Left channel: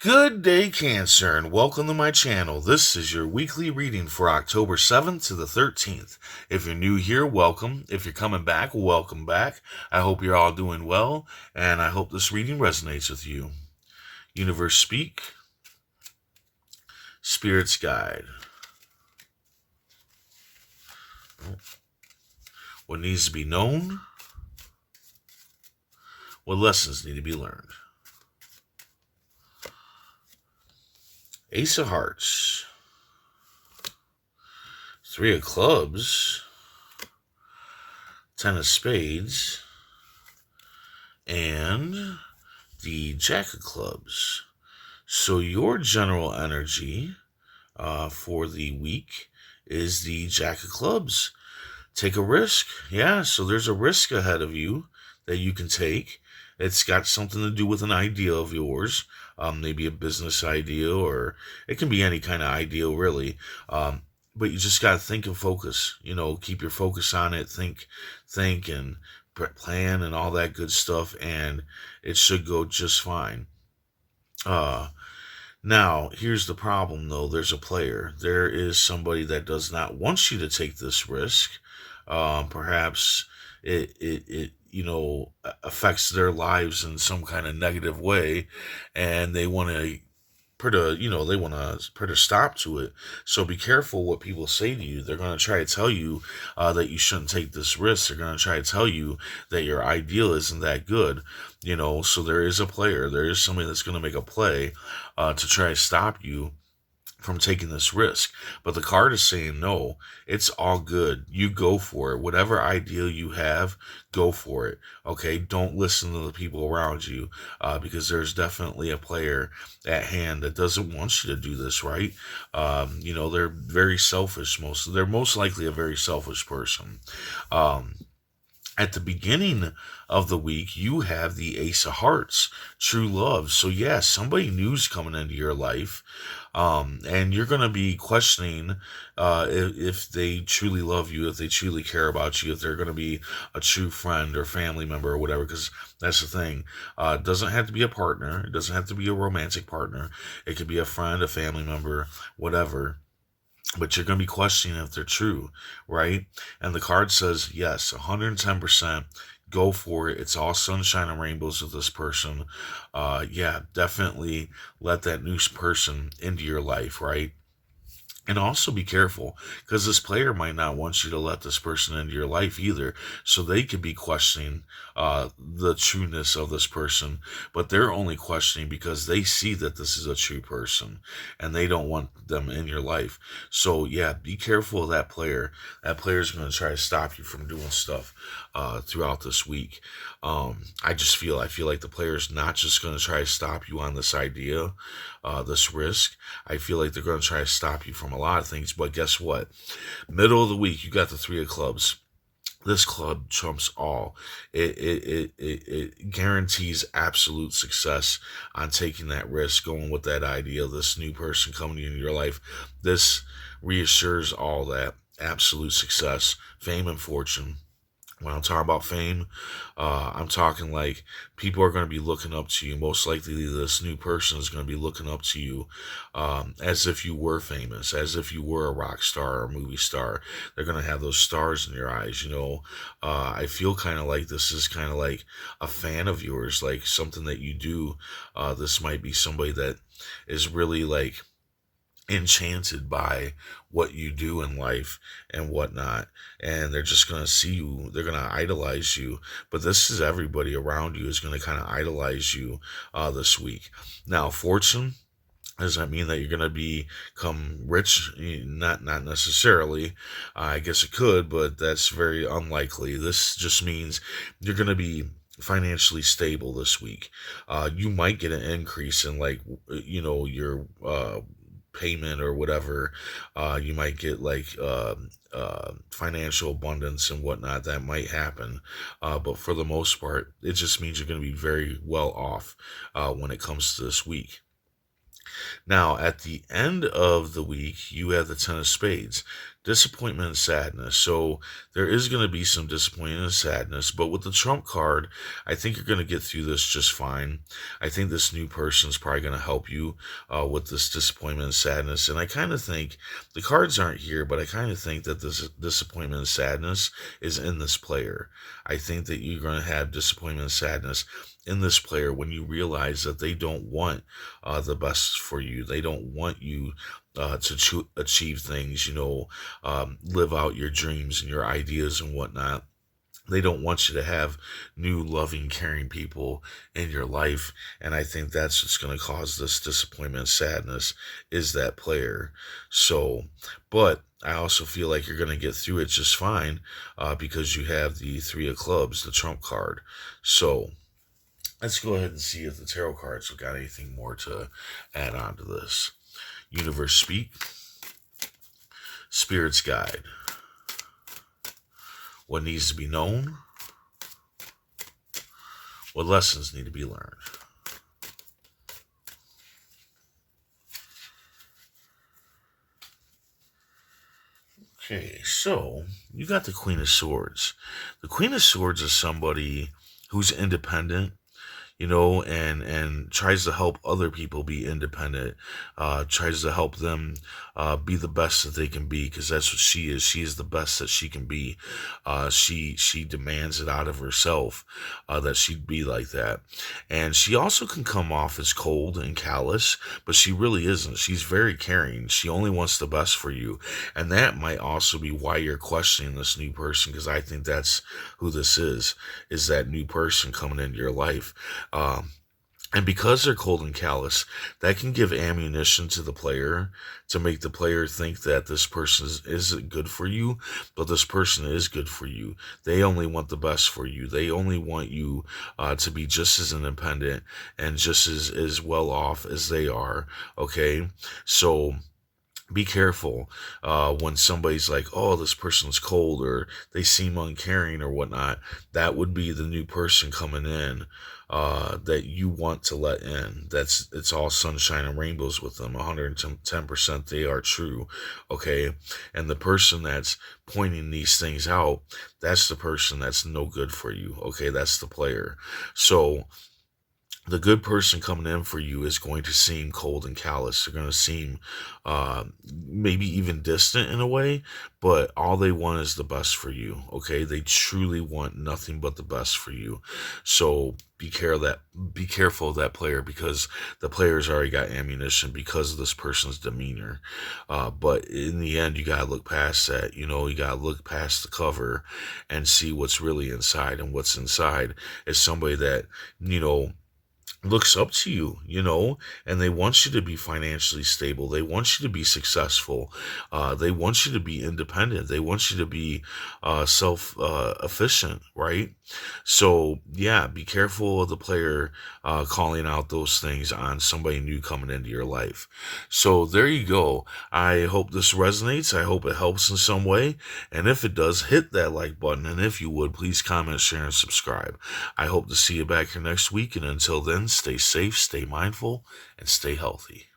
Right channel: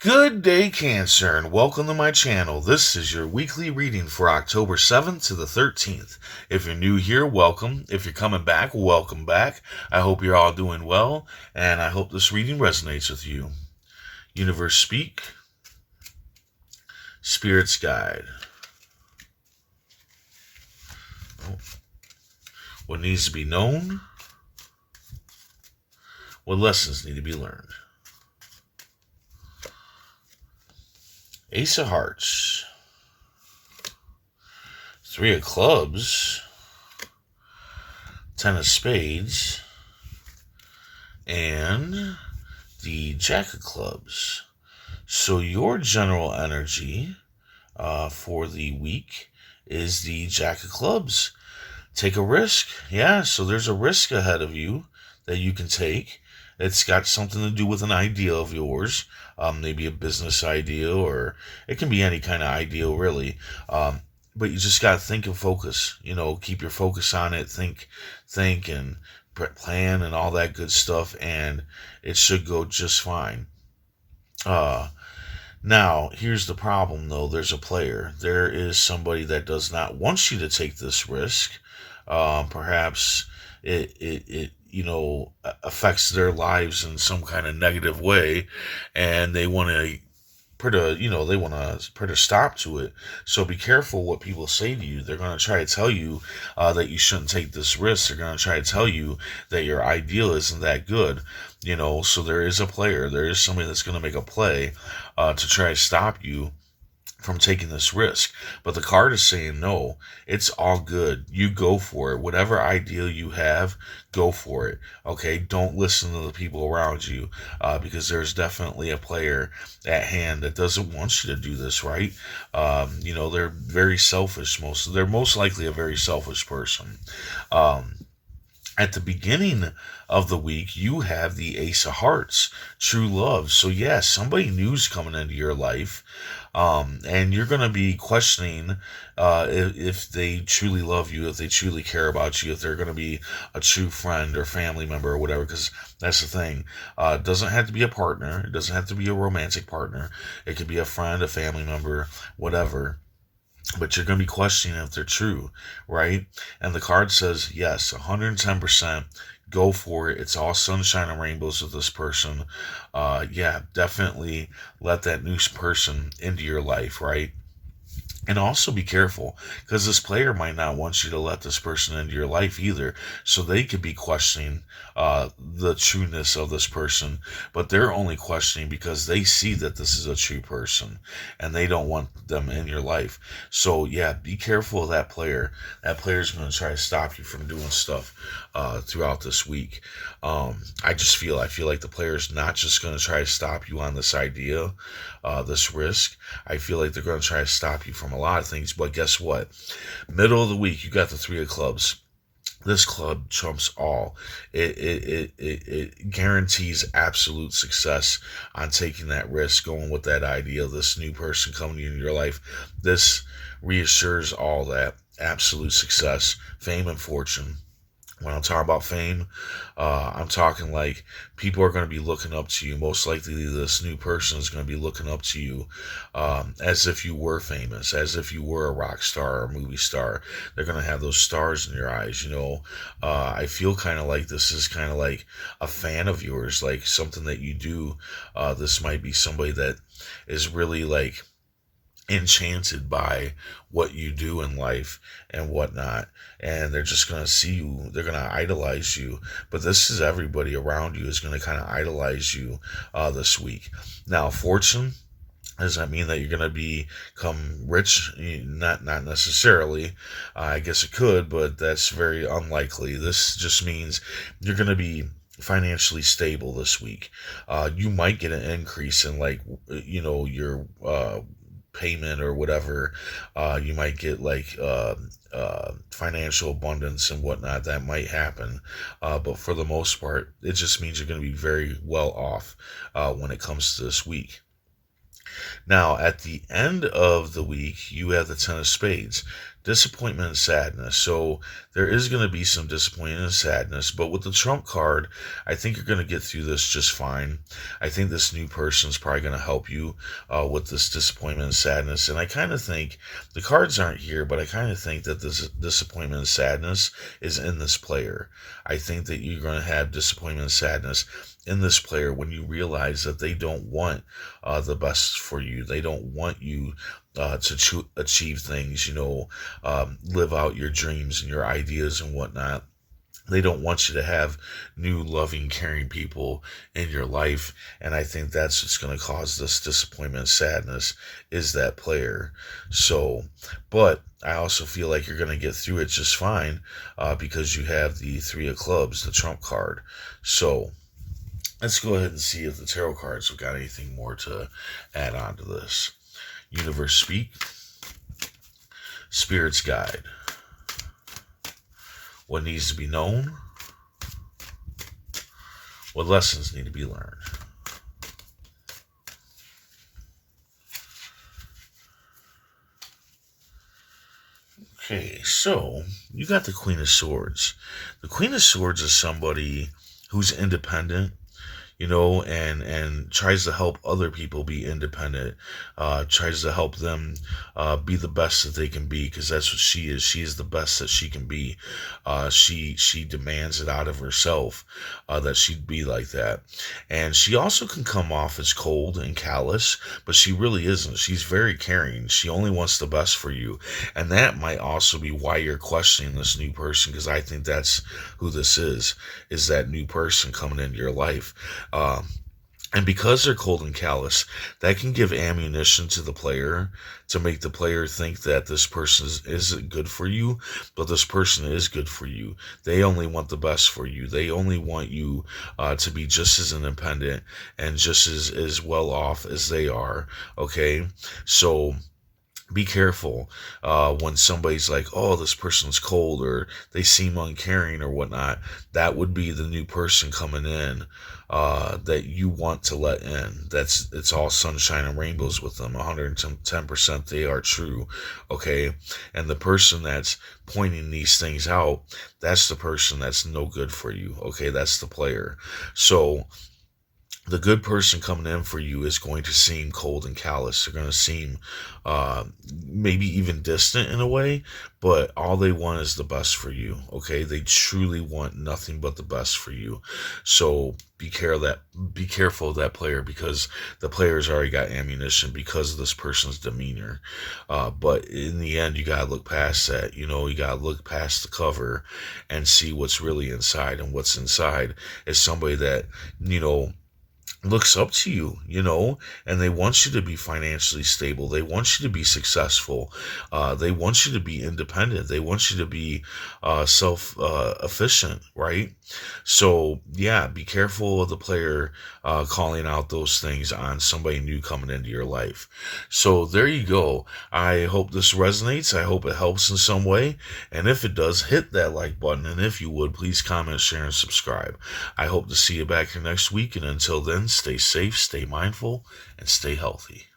Good day, Cancer, and welcome to my channel. This is your weekly reading for October 7th to the 13th. If you're new here, welcome. If you're coming back, welcome back. I hope you're all doing well, and I hope this reading resonates with you. Universe Speak, Spirit's Guide. What needs to be known? What lessons need to be learned? Ace of Hearts, Three of Clubs, Ten of Spades, and the Jack of Clubs. So your general energy for the week is the Jack of Clubs. Take a risk. Yeah, so there's a risk ahead of you that you can take. It's got something to do with an idea of yours, maybe a business idea, or it can be any kind of idea, really. But you just got to think and focus. Keep your focus on it. Think, and plan, and all that good stuff, and it should go just fine. Now, here's the problem, though. There's a player. There is somebody that does not want you to take this risk. Perhaps it affects their lives in some kind of negative way, and they want to put a stop to it. So be careful what people say to you. They're going to try to tell you that you shouldn't take this risk. They're going to try to tell you that your ideal isn't that good. So there is a player. There is somebody that's going to make a play to try to stop you from taking this risk. But the card is saying no, it's all good. You go for it. Whatever ideal you have, go for it. Okay, don't listen to the people around you because there's definitely a player at hand that doesn't want you to do this, right? They're very selfish. They're most likely a very selfish person. At the beginning of the week, you have the Ace of Hearts, true love. So, yeah, somebody new's coming into your life, and you're going to be questioning if they truly love you, if they truly care about you, if they're going to be a true friend or family member or whatever, because that's the thing. It doesn't have to be a partner. It doesn't have to be a romantic partner. It could be a friend, a family member, whatever, but you're going to be questioning if they're true, right? And the card says, yes, 110%. Go for it. It's all sunshine and rainbows with this person. Yeah, definitely let that new person into your life, right? And also be careful because this player might not want you to let this person into your life either. So they could be questioning the trueness of this person, but they're only questioning because they see that this is a true person and they don't want them in your life. So yeah, be careful of that player. That player's going to try to stop you from doing stuff throughout this week. I feel like the player's not just going to try to stop you on this idea, this risk. I feel like they're going to try to stop you from a lot of things. But guess what? Middle of the week, you got the Three of Clubs. This club trumps all. It guarantees absolute success on taking that risk, going with that idea. This new person coming into your life. This reassures all that absolute success, fame, and fortune. When I'm talking about fame, I'm talking like people are going to be looking up to you. Most likely, this new person is going to be looking up to you as if you were famous, as if you were a rock star or a movie star. They're going to have those stars in your eyes. I feel kind of like this is kind of like a fan of yours, like something that you do. This might be somebody that is really like enchanted by what you do in life and whatnot, and they're just going to see you, they're going to idolize you. But this is everybody around you is going to kind of idolize you this week. Now, fortune, does that mean that you're going to become rich? Not necessarily. I guess it could, but that's very unlikely. This just means you're going to be financially stable this week. You might get an increase in your payment or whatever. You might get financial abundance and whatnot. That might happen, but for the most part, it just means you're going to be very well off when it comes to this week. Now, at the end of the week, you have the Ten of Spades. disappointment and sadness. So there is going to be some disappointment and sadness, but with the Trump card, I think you're going to get through this just fine. I think this new person is probably going to help you with this disappointment and sadness. And I kind of think the cards aren't here, but I kind of think that this disappointment and sadness is in this player. I think that you're going to have disappointment and sadness in this player when you realize that they don't want the best for you. They don't want you to achieve things, live out your dreams and your ideas and whatnot. They don't want you to have new, loving, caring people in your life. And I think that's what's going to cause this disappointment and sadness is that player. So, but I also feel like you're going to get through it just fine because you have the Three of Clubs, the Trump card. So, let's go ahead and see if the tarot cards have got anything more to add on to this. Universe speak. Spirit's guide. What needs to be known? What lessons need to be learned? Okay, so you got the Queen of Swords. The Queen of Swords is somebody who's independent, and tries to help other people be independent, tries to help them be the best that they can be, because that's what she is. She is the best that she can be. She demands it out of herself that she'd be like that. And she also can come off as cold and callous, but she really isn't. She's very caring. She only wants the best for you. And that might also be why you're questioning this new person, because I think that's who this is that new person coming into your life. And because they're cold and callous, that can give ammunition to the player to make the player think that this person isn't good for you, but this person is good for you. They only want the best for you. They only want you to be just as independent and just as well off as they are. Okay, so be careful when somebody's like, oh, this person's cold or they seem uncaring or whatnot. That would be the new person coming in that you want to let in. It's all sunshine and rainbows with them. 110% they are true. Okay. And the person that's pointing these things out, that's the person that's no good for you. Okay. That's the player. So the good person coming in for you is going to seem cold and callous. They're going to seem maybe even distant in a way, but all they want is the best for you. Okay, they truly want nothing but the best for you. So be careful of that player, because the player's already got ammunition because of this person's demeanor. But in the end, you gotta look past that. You gotta look past the cover and see what's really inside. And what's inside is somebody that looks up to you, and they want you to be financially stable. They want you to be successful. They want you to be independent. They want you to be self-efficient, right? So, yeah, be careful of the player calling out those things on somebody new coming into your life. So, there you go. I hope this resonates. I hope it helps in some way. And if it does, hit that like button. And if you would, please comment, share, and subscribe. I hope to see you back here next week. And until then, stay safe, stay mindful, and stay healthy.